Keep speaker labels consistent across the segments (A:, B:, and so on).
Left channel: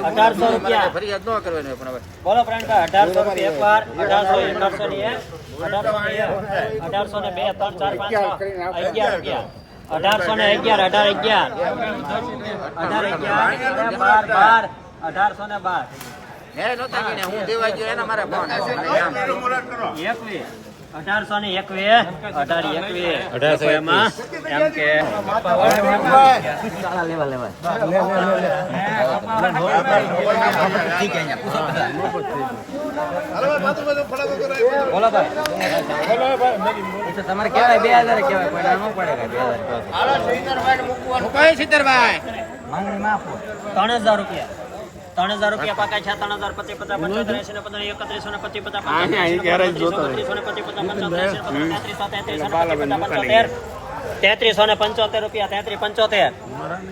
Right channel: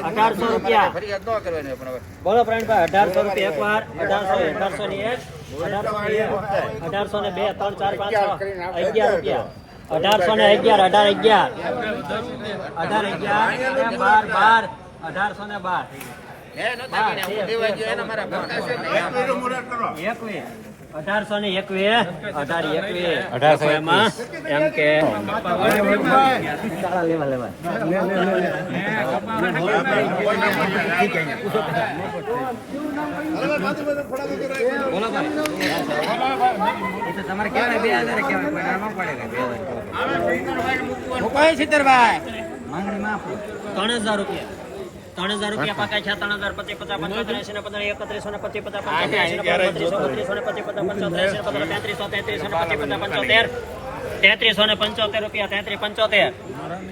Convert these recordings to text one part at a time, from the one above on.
A: અઢારસો,
B: રૂપિયા બોલો પ્રવીણભાઈ અઢારસો રૂપિયા એક વાર અઢારસો અઢારસો ની એક અઢારસો ને બે ત્રણ ચાર પાંચ અગિયાર રૂપિયા અઢારસો ને અગિયાર અઢાર અગિયાર અઢાર અગિયાર બાર અઢારસો ને બાર. અઢારસો ને એકવીસ. અઢાર એકવીસ.
C: અઢારસો
B: એમાં એમ કે લેવા લેવા. બોલો ભાઈ. એ તો તમારે કેવાય બે હજાર કેવાય પણ ના ન પડે બે હજાર ત્રણ હજાર રૂપિયા. ત્રણ હજાર રૂપિયા પકાય છે ત્રણ હજાર પચીસ પચાસ પંચોતેર ને પંદર એકત્રીસો ને પચીસ પચાસ પંચોતેર ને પચીસ પચાસ પંચોતેર તેત્રીસો તેત્રીસો ને પચીસ પચાસ પંચોતેર તેત્રીસો ને પંચોતેર રૂપિયા તેત્રીસ પંચોતેર.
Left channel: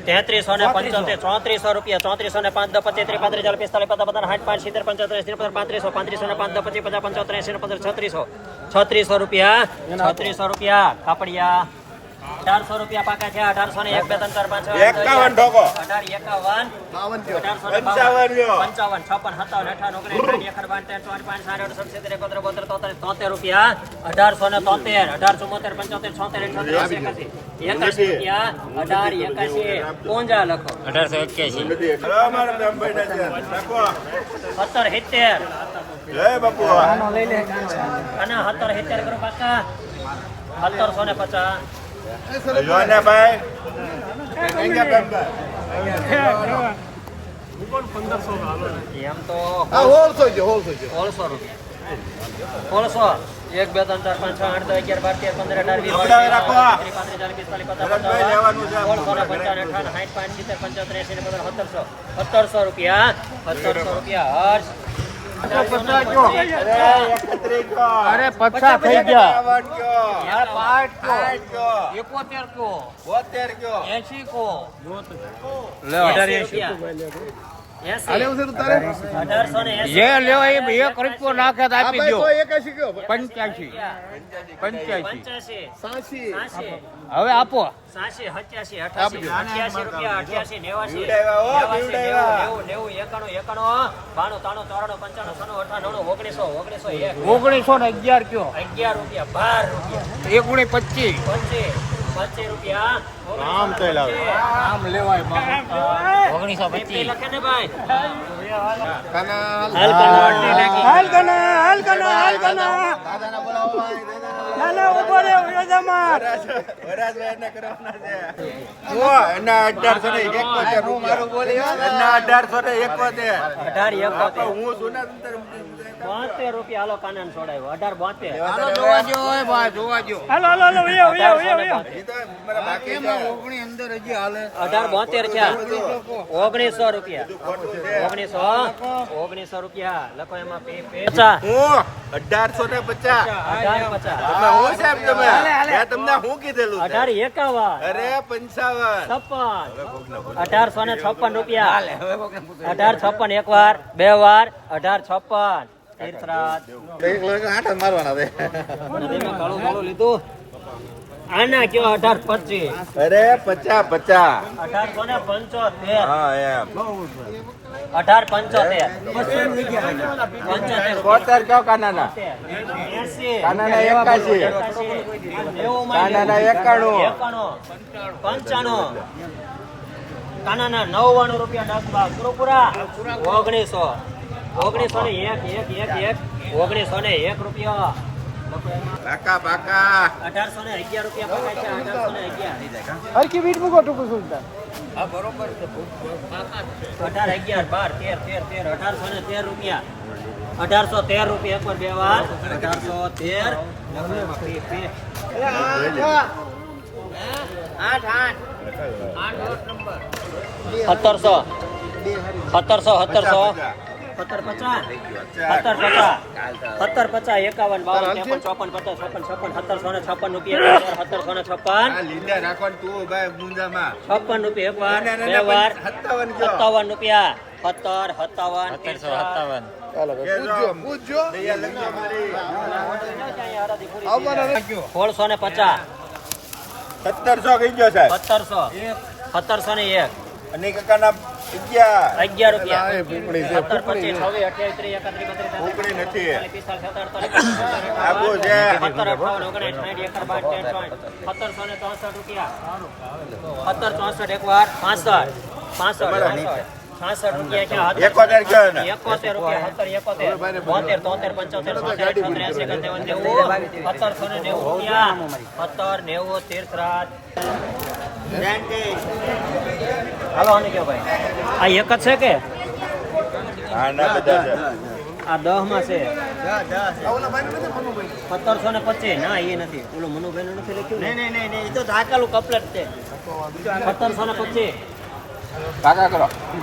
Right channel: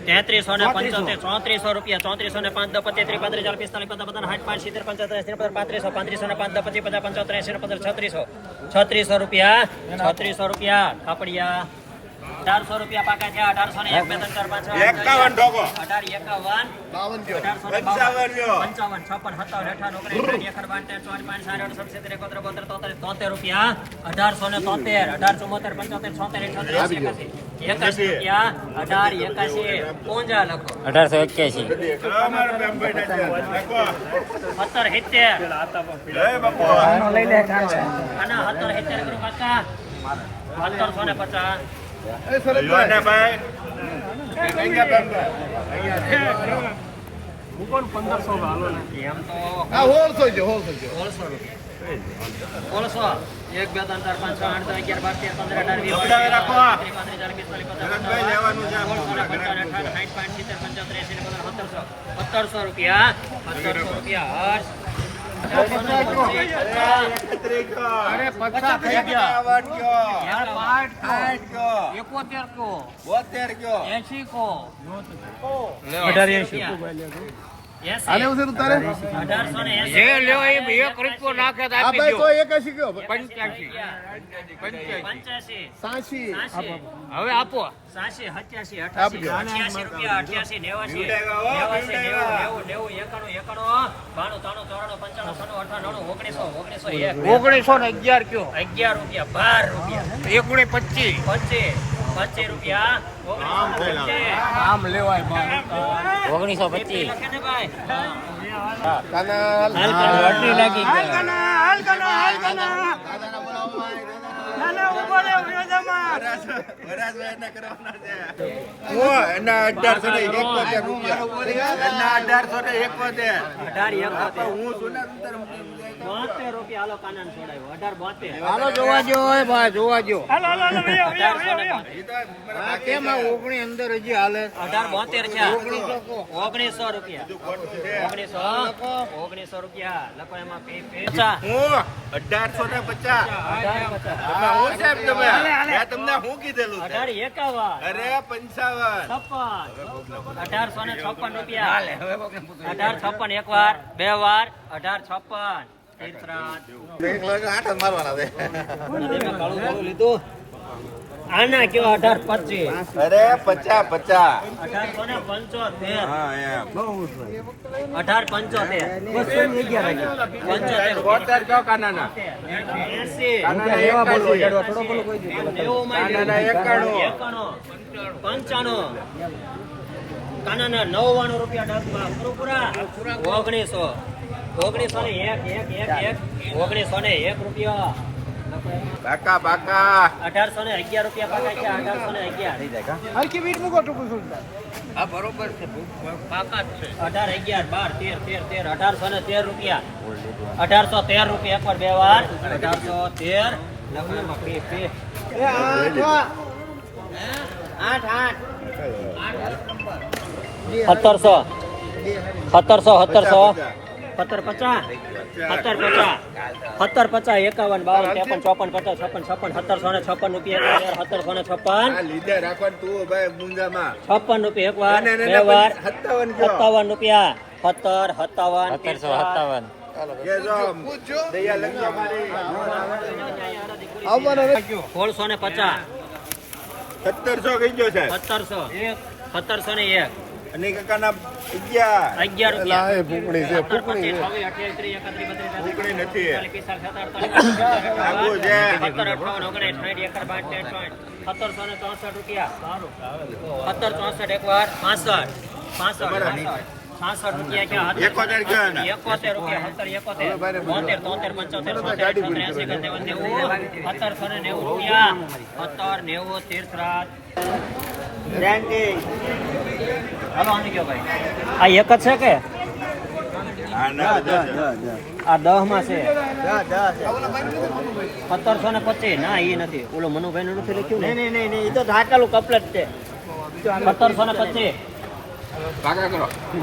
B: તેત્રીસો ને પંચોતેર ચોત્રીસો રૂપિયા ચોત્રીસો ને પાંચ પચીસ ત્રી પાંત્રીસ ચાલીસ પિસ્તાલીસ પચાસ પચાસ સાઠ પાંચ સિત્તેર પંચોતેર સિત્તેર પાંત્રીસો પાંત્રીસો ને પાંચ પચીસ પચાસ પંચોતેર એસી ને પંદર છત્રીસો. છત્રીસો રૂપિયા છત્રીસો રૂપિયા. કાપડિયા. અઢારસો રૂપિયા પાકા છે અઢારસો ને
A: એકાવન ઢોકો.
B: એકાવન.
A: બાવન પંચાવન
B: છપ્પન સત્તાવન અઠાવન ઓગણીસ પાંચ એકોતેર બોતેર તોતેર તોતેર રૂપિયા. અઢારસો ને તોતેર પંચોતેર છોતેર એકાસી એકાસી રૂપિયા અઢાર એકાસી લખો.
C: અઢારસો એક્યાસી.
B: સત્તર સિત્તેર. અને સત્તર સિત્તેર કરો કાકા સત્તરસો ને પચાસ. એક બે ત્રણ ચાર પાંચ છ આઠ દસ અગિયાર બાર તેર પંદર અઢાર વીસ
A: ગભરાવી રાખો. લેવાનું છે.
B: સત્તરસો. રૂપિયા. સત્તરસો રૂપિયા. હર્ષ
D: અરે પચાસ થઈ ગયા. પાંચ
A: કયો
D: એકોતેર કો
A: બોતેર કયો
D: એસી કો એક હવે આપો.
B: ઓગણીસો ઓગણીસો એક.
D: ઓગણીસો ને અગિયાર કયો?
B: અગિયાર રૂપિયા બાર રૂપિયા.
D: એકુણે પચીસ.
B: પચીસ. પચીસ રૂપિયા.
D: આમ તો આમ લેવાય
C: ઓગણીસો
B: પચીસ.
C: પચીસ
B: લખે ને હાલ
D: કના. હાલ કના હાલ કના. ઓગણી અંદર હજી હાલે?
B: અઢાર બોતેર છે
D: ઓગણીસો
B: ઓગણીસો રૂપિયા. ઓગણીસો ઓગણીસો રૂપિયા. લખો એમાં
A: અઢારસો ને પચાસ.
B: અઢાર પચાસ.
A: હા, સાહેબ તમે. મેં તમને શું કીધેલું
B: અઢાર એકાવન.
A: અરે પંચાવન.
B: છપ્પન. અઢારસો ને છપ્પન રૂપિયા. અઢાર છપ્પન એક વાર બે વાર અઢાર છપ્પન. આના કયો અઢાર પચીસ?
A: અરે પચાસ પચાસ.
B: અઢારસો ને પંચોતેર.
A: હા એમ.
B: અઢાર પંચોતેર. પંચોતેર.
A: કયો કાનાના? કાનાના એકાશી કાનાના એકાણું.
B: એકાણું. પંચાણું. કાનાના નવ્વાણું રૂપિયા નાખવા. પૂરા ઓગણીસો. ઓગણીસો ને એક એક એક એક. ઓગણીસો ને એક રૂપિયા.
A: બાકા બાકા.
B: અઢારસો ને અગિયાર રૂપિયા બાકા છે અઢારસો ને અગિયાર.
D: હરકી બીટ મૂકો ટૂંકું સુનતા
A: હા બરોબર છે
B: અગિયાર બાર તેર તેર તેર અઢારસો ને તેર રૂપિયા. અઢારસો તેર રૂપિયા એક વાર બે વાર. અઢારસો તેર. આઠ આઠ. નંબર સત્તરસો. સત્તરસો સત્તરસો. સત્તર પચાસ સત્તર પચાસ સત્તર પચાસ એકાવન બાવન ત્રેપન ચોપન પચાસ છપ્પન છપ્પન સત્તરસો ને છપ્પન રૂપિયા સત્તરસો ને છપ્પન.
A: લીધે તું ભાઈ મુંજામાં
B: છપ્પન રૂપિયા બે વાર.
A: સત્તાવન
B: રૂપિયા. સત્તર સત્તાવન
C: સત્તરસો સત્તાવન.
B: સોળસો ને પચાસ.
A: સત્તરસો કહી ગયો સાહેબ.
B: સત્તરસો. સત્તરસો ને એક.
A: અને કાકાના
D: ગાડી પૂરી
B: કરવાની સત્તરસો ને નેવું રૂપિયા સત્તર નેવું તીર્થરાજ આ એક જ છે કે. આ દહમાં છે સત્તરસો ને પચીસ ના એ નથી ઓલો મનુભાઈ નું નથી લખ્યું નહીં નહીં નહીં એ તો ઢાકેલું કપલેટ છે સત્તરસો ને પચીસ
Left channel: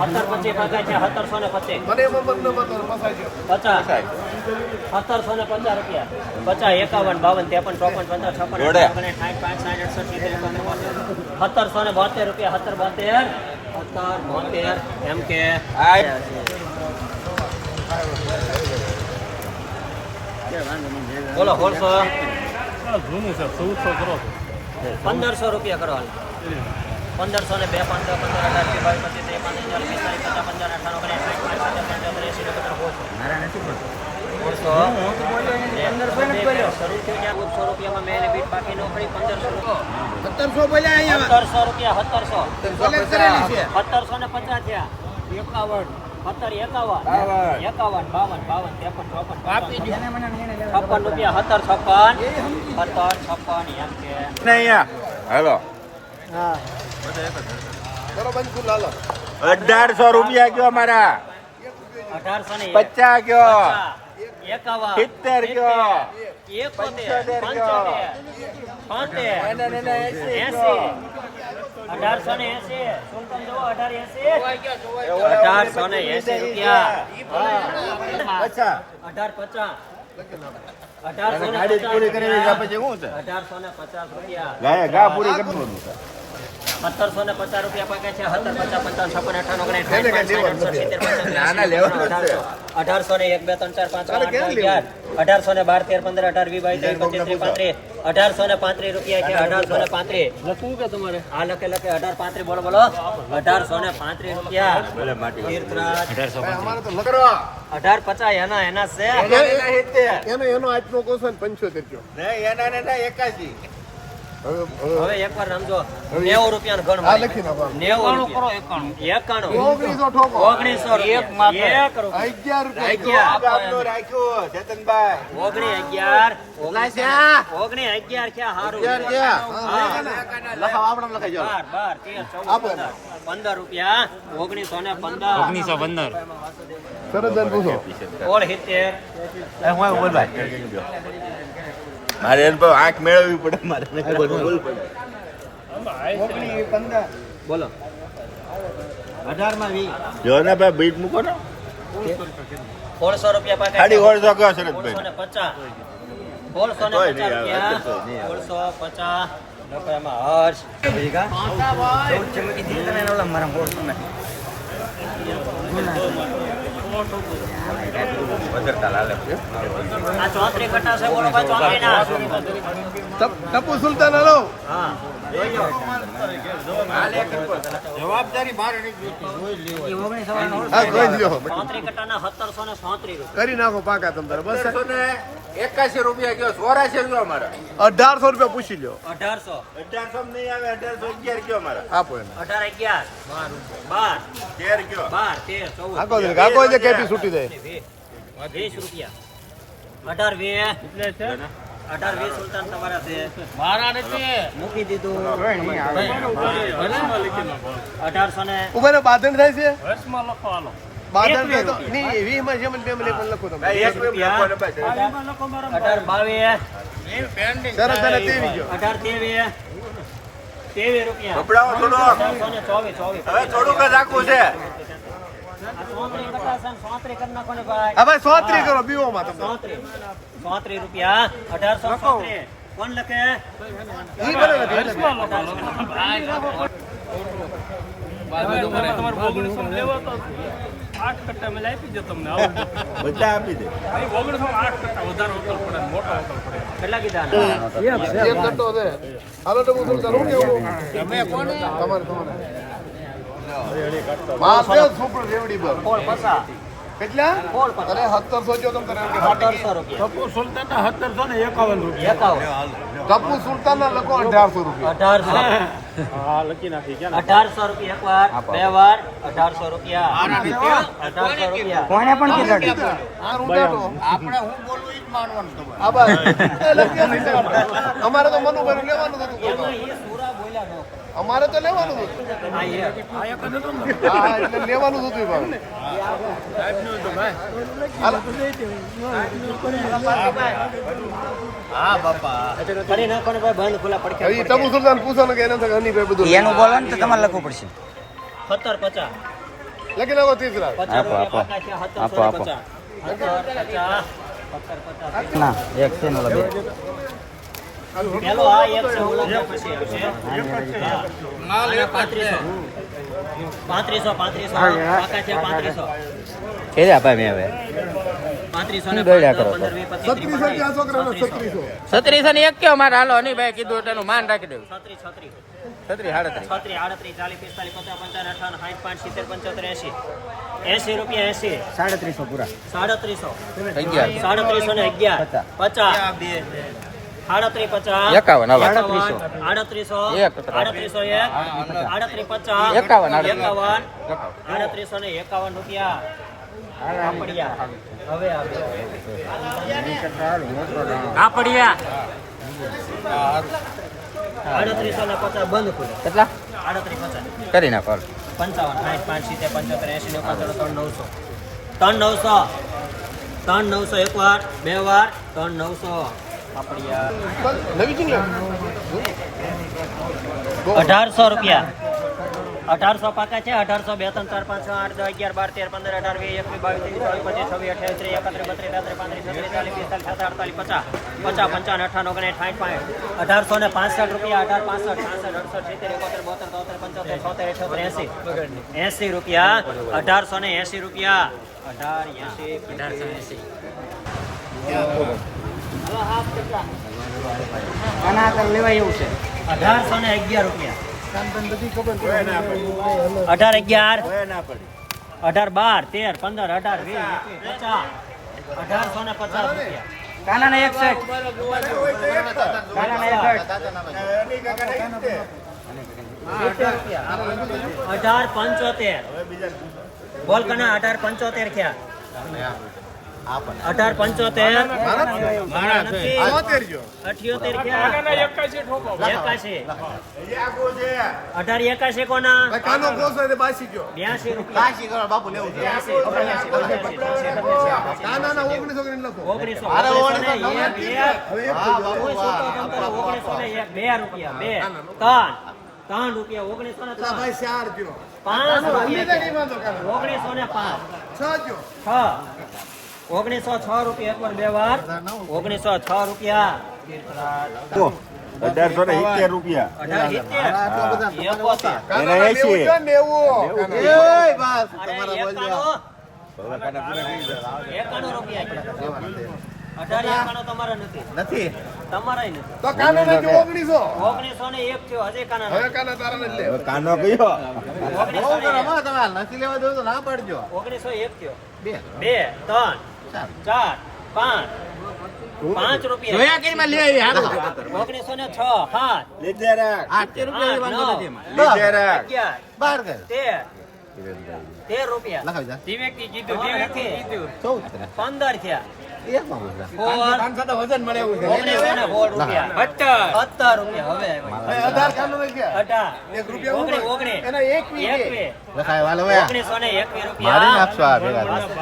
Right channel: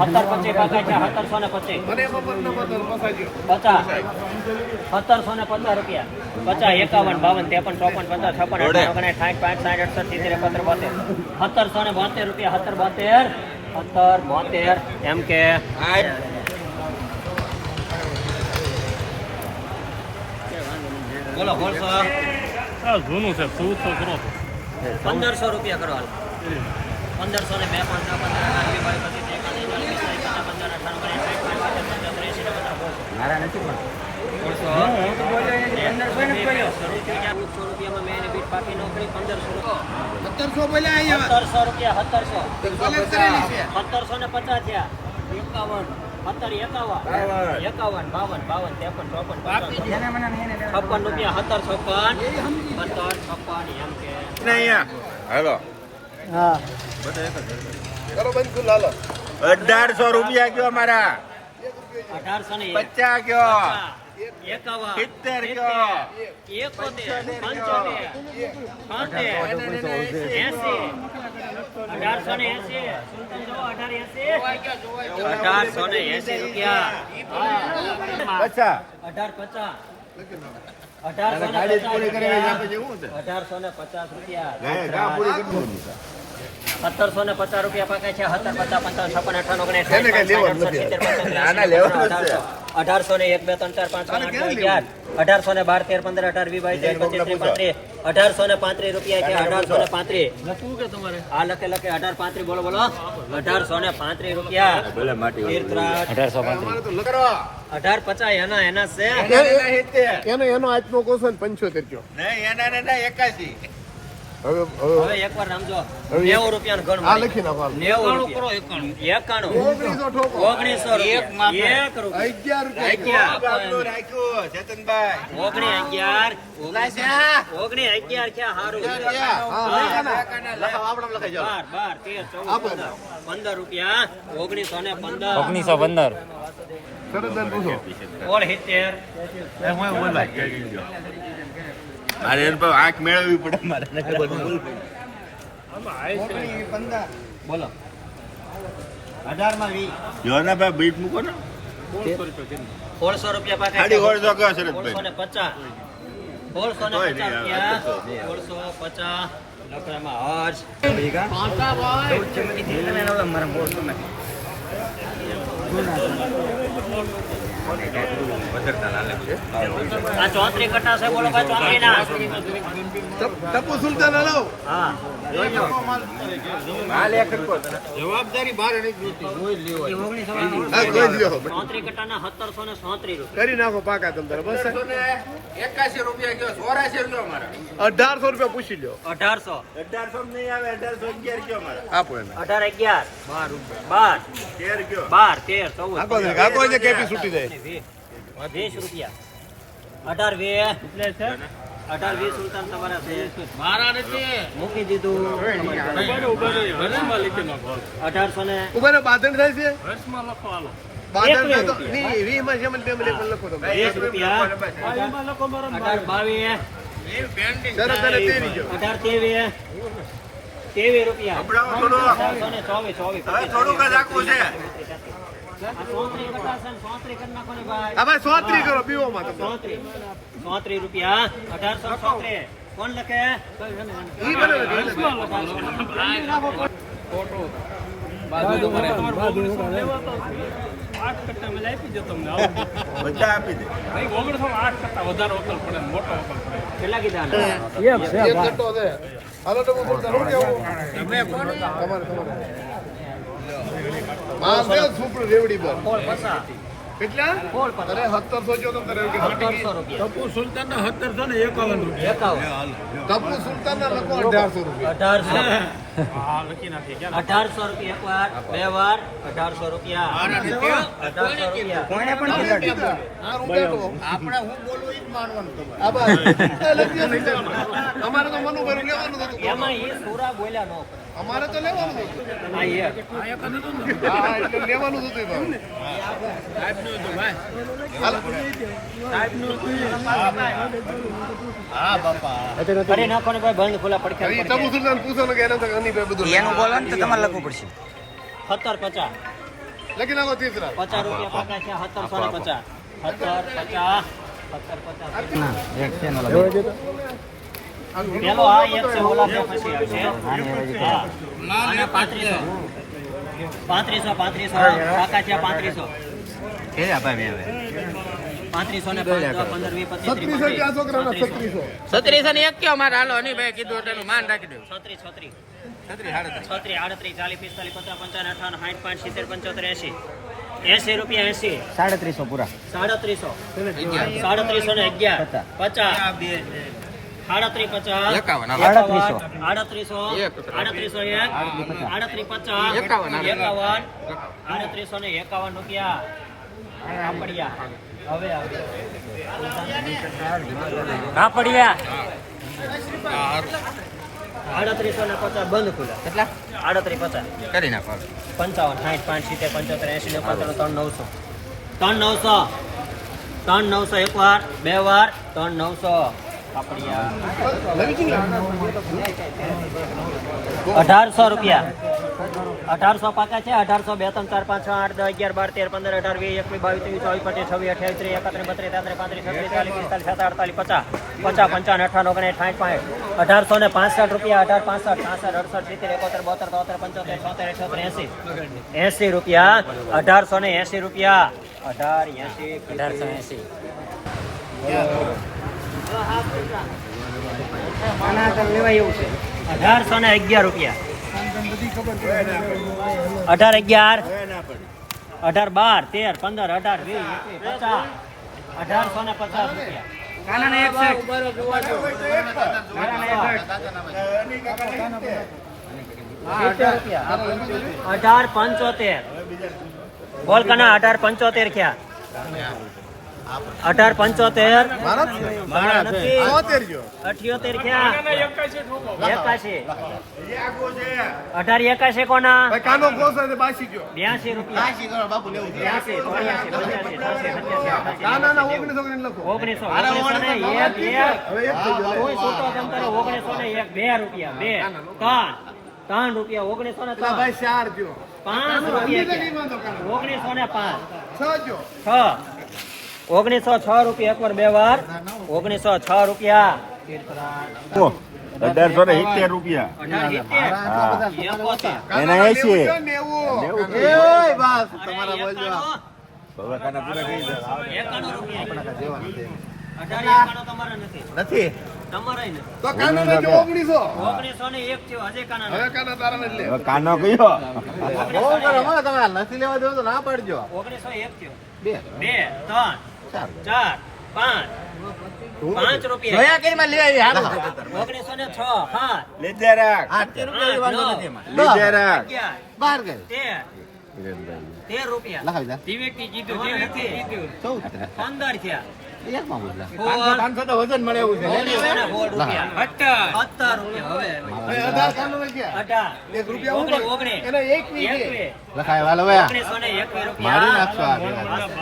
B: સત્તર પચીસ પાકા છે સત્તરસો ને પચીસ પચાસ સત્તરસો ને પંદર રૂપિયા પચાસ એકાવન બાવન ત્રેપન ચોપન પચાસ છપ્પન ઓગણીસ સાઠ પાંચ સાઠ અડસઠ સિત્તેર એકોતેર બોતેર સત્તરસો ને બોતેર રૂપિયા સત્તર બોતેર સત્તર બોતેર એમ કે બોલો બોલશો
D: જૂનું છે ચૌદસો કરો
B: પંદરસો રૂપિયા કરો હાલ પંદરસો ને બે પંદર પચીસ પંદર અઠાણું ઓગણીસ સાઠ પચાસ
A: સત્તરસો બોલ્યા અહીંયા.
B: સત્તરસો રૂપિયા સત્તરસો. સત્તરસો ને પચાસ થયા. એકાવન. સત્તર એકાવન. એકાવન બાવન બાવન ત્રેપન ચોપન છપ્પન રૂપિયા સત્તર છપ્પન. સત્તર છપ્પન એમ કે.
A: હાલો. અઢારસો રૂપિયા કયો મારા?
B: અઢારસો ને
A: પચાસ કયો? સિત્તેર
B: અઢારસો ને એસી. અઢાર અઢારસો ને એસી રૂપિયા.
A: પચાસ.
B: અઢાર પચાસ. અઢારસો ને પચાસ રૂપિયા. સત્તરસો ને પચાસ રૂપિયા પાકે છે સત્તર પચાસ પંચાવન છપ્પન અઠાવન ઓગણીસ
D: એને કઈ લેવાનું
B: સાઠ,
D: નથી.
B: સિત્તેર, પંચાવન,
A: ના, ના, લેવાનું જ છે.
B: અઢારસો. અઢારસો ને એક બે ત્રણ ચાર પાંચ આઠ,
D: ક્યાં
B: નવ,
D: લેવું?
B: અગિયાર. અઢારસો ને બાર તેર પંદર અઢાર વીસ બાવીસ પચીસ પાંત્રીસ અઢારસો ને પાંત્રીસ રૂપિયા છે અઢારસો ને પાંત્રીસ
D: લખવું કે તમારે
B: આ લખે લખે અઢાર પાંત્રીસ બોલો બોલો અઢારસો ને પાંત્રીસ રૂપિયા
C: અઢારસો પાંત્રીસ
B: અઢાર પચાસ એના એના છે
A: એના.
D: એનો આજનો કોસો ને પંચોતેર કયો
A: એના ને ના એકાશી
D: હવે
B: એકવાર સમજો
D: હવે એક-
B: નેવું રૂપિયા
D: આ લખી નાખો
B: કરો એકાણું. એકાણું.
D: ઓગણીસો ઠોકો.
B: ઓગણીસો રૂપિયા. એક રૂપિયા.
D: અગિયાર રૂપિયા.
B: અગિયાર.
A: આપણું રાખ્યું
B: અગિયાર. ક્યાં હારું
A: ક્યાં?
B: હા.
A: લખાવો, આપણે લખાઈ
D: આપો
B: રૂપિયા. ઓગણીસો ને પંદર.
C: ઓગણીસો પંદર.
D: શરદબેન પૂછો.
B: ઓળ સિત્તેર
A: મારે એમ પણ આંખ મેળવવી પડે મારે બોલવું પડે
B: બોલો અઢારમાં વી
A: જો ને ભાઈ બીટ મૂકો ને.
B: સોળસો રૂપિયા
A: સાડી સોળસો શરદભાઈ?
B: પચાસ. સોળસો ને પચાસ રૂપિયા. સોળસો પચાસ. રૂપિયામાં હર્ષ. આ ચોત્રી કટ્ટા છે બોલો ભાઈ ચોત્રી ના
D: ટપુ સુલતાન હલો.
A: જવાબદારી મારે નથી
D: હા જોઈ લ્યો.
B: ચોત્રી કટ્ટાના સત્તરસો ને સોત્રી
D: કરી નાખો પાકા તમ તારે બસ
A: રૂપિયા કયો? ચોરાસી કયો અમારા.
D: અઢારસો રૂપિયા પૂછી લ્યો.
B: અઢારસો.
A: અઢારસો નહીં આવે અઢારસો અગિયાર કયો અમારા?
D: આપો એને.
B: અઢાર અગિયાર. બાર.
A: તેર કયો?
B: બાર તેર.
D: આખો દે આખો દે કેપી છૂટી દે.
B: વીસ વીસ રૂપિયા. અઢાર વીસ. એટલે છે? અઢાર વીસ સુલતાન તમારા છે. મારા નથી. મૂકી દીધું અઢારસો ને
D: થાય લખો.
B: અઢાર ત્રેવીસ ત્રેવીસ રૂપિયા. ચોવીસ ચોવીસ.
A: થોડુંક જ રાખવું છે.
B: સોત્રી રૂપિયા અઢારસો સોત્રી કોણ લખે.
E: આઠ કટ્ટા મેં આપી દો તમને
A: બધા આપી દે
E: ઓગણીસો આઠ કટ્ટા વધારે વકલ પડે મોટો વકલ પડે
B: કીધા.
A: હાલો તો હું બોલતા કેવું તમે કોને તમારે તમારે માસ ને સુપર રેવડી બોલ
B: કોળ પસા
A: કેટલા?
B: કોળ પસા.
A: અરે 1700 જો તમે
B: રૂપિયા.
A: ટપ્પુ સુલતાન ના 1700 ને 51 રૂપિયા.
B: એકાવન.
A: સુલતાન ના લખો 1800 રૂપિયા.
B: અઢારસો.
E: હા લખી નાખી ક્યાં
B: અઢારસો રૂપિયા એક વાર બે વાર અઢારસો રૂપિયા. અઢારસો રૂપિયા.
A: કોને પણ આપણે હું બોલું જ માનવાનું અમારે તો મનુભાઈ લેવાનું હતું.
B: એમાં એ સુરા બોલ્યા ન
A: અમારે તો લેવાનું હતું.
B: હા એ.
A: હા એટલે લેવાનું હતું ભાઈ.
B: હા બાપા. ફરી નાખો ને ભાઈ બંધ ખુલ્લા પડખે
A: એ ટપુ સુલતાન પૂછવાનું કે એને તો હનીભાઈ બધું
C: એનું બોલો ને તો તમારે લખવું પડશે.
B: સત્તર પચાસ.
A: લખી નાખો ત્રીસરા
B: પચાસ રૂપિયા પાકા છે સત્તરસો ને પચાસ સત્તર પચાસ. સત્તર પચાસ.
C: ના એક છે
B: પેલો આ એક છે ઓલા બે પછી આવશે હા. અને પાંત્રીસો. પાંત્રીસો પાંત્રીસો. કાકા છે પાંત્રીસો.
C: કે આપા મેં હવે?
A: છત્રીસો
C: ને એક મારે હાલો નહીં ભાઈ કીધું તેનું માન રાખી દઉં
B: છત્રીસ છત્રીસ
C: છત્રીસ સાડત્રીસ.
B: છત્રીસ આડત્રીસ ચાલીસ પિસ્તાલીસ પચાસ પંચાવન અઠાવન સાઠ પાંચ સિત્તેર પંચોતેર એસી એસી રૂપિયા એસી
C: સાડત્રીસો પૂરા.
B: સાડત્રીસો.
C: અગિયાર.
B: સાડત્રીસો ને અગિયાર.
C: પચાસ.
B: પચાસ. સાડત્રીસ પચાસ
C: એકાવન,
B: આડત્રીસો. આડત્રીસો. એક
C: આડત્રીસ પચાસ. એકાવન,
B: એકાવન. આડત્રીસો ને એકાવન રૂપિયા. હવે
C: કાપડિયા.
B: આડત્રીસો ને પચાસ. બંધ ખુલે.
C: કેટલા?
B: આડત્રીસ પચાસ.
C: કરી નાખો
B: પંચાવન. સાઠ પાંચ સિત્તેર પંચોતેર એસી પંચોતેર ત્રણ નવસો. ત્રણ નવસો. ત્રણ નવસો એક વાર બે વાર ત્રણ નવસો. અઢારસો રૂપિયા. અઢારસો પાકા છે અઢારસો બે ત્રણ ચાર પાંચ છ આઠ દસ અગિયાર બાર તેર પંદર અઢાર વીસ એકવીસ બાવીસ ત્રેવીસ ચોવીસ પચીસ છવ્વીસ અઠ્યાવીસ ત્રીસ એકત્રીસ બત્રીસ તેત્રીસ પાંત્રીસ છત્રીસ ચાલીસ પિસ્તાલીસ સાત અડતાલીસ પચાસ પચાસ પંચાવન અઠાવન ઓગણીસ સાઠ પાંચ અઢારસો ને પાંસઠ રૂપિયા અઢાર પાંસઠ પાંસઠ અડસઠ સિત્તેર એકોતેર બોતેર તોતેર પંચોતેર છોતેર અઠોતેર એસી એસી રૂપિયા અઢારસો ને એસી રૂપિયા. અઢાર એસી
C: અઢારસો એસી.
B: અઢારસો ને અગિયાર રૂપિયા. અઢાર અગિયાર. અઢાર બાર, તેર, પંદર, અઢાર, વીસ પચાસ. અઢારસો ને પચાસ રૂપિયા. અઢાર પંચોતેર. બોલ કના અઢાર પંચોતેર ક્યાં? અઢાર પંચોતેર. અઠ્યોતેર અઢાર એકાશી કોના? બ્યાસી રૂપિયા.
A: બાપુ લેવું ઓગણીસો
B: ને એક એક ઓગણીસો એક બે રૂપિયા બે. ત્રણ. ત્રણ રૂપિયા ઓગણીસો ને ત્રણ.
A: ચાર
B: પાંચ રૂપિયા. ઓગણીસો ને પાંચ.
A: છ
B: છ. ઓગણીસો છ રૂપિયા એક વાર બે વાર. ઓગણીસો છ રૂપિયા.
A: અઢારસો ને સિત્તેર રૂપિયા. એને એસી
B: નથી
A: નથી
B: તમારા નહીં
A: તો કાનો ને
B: થયો હજે કાના
A: હવે કાના તારા નથી.
F: હવે કાનો કયો?
B: એક.
F: નથી લેવા દેવું તો ના પડજો.
B: ઓગણીસો એક થયો.
F: બે.
B: બે ત્રણ. ચાર. પાંચ પાંચ રૂપિયા. ઓગણીસો ને છ સાત
F: બાર
B: તેર રૂપિયા. પંદર થયા.
F: મારી નાખશો આ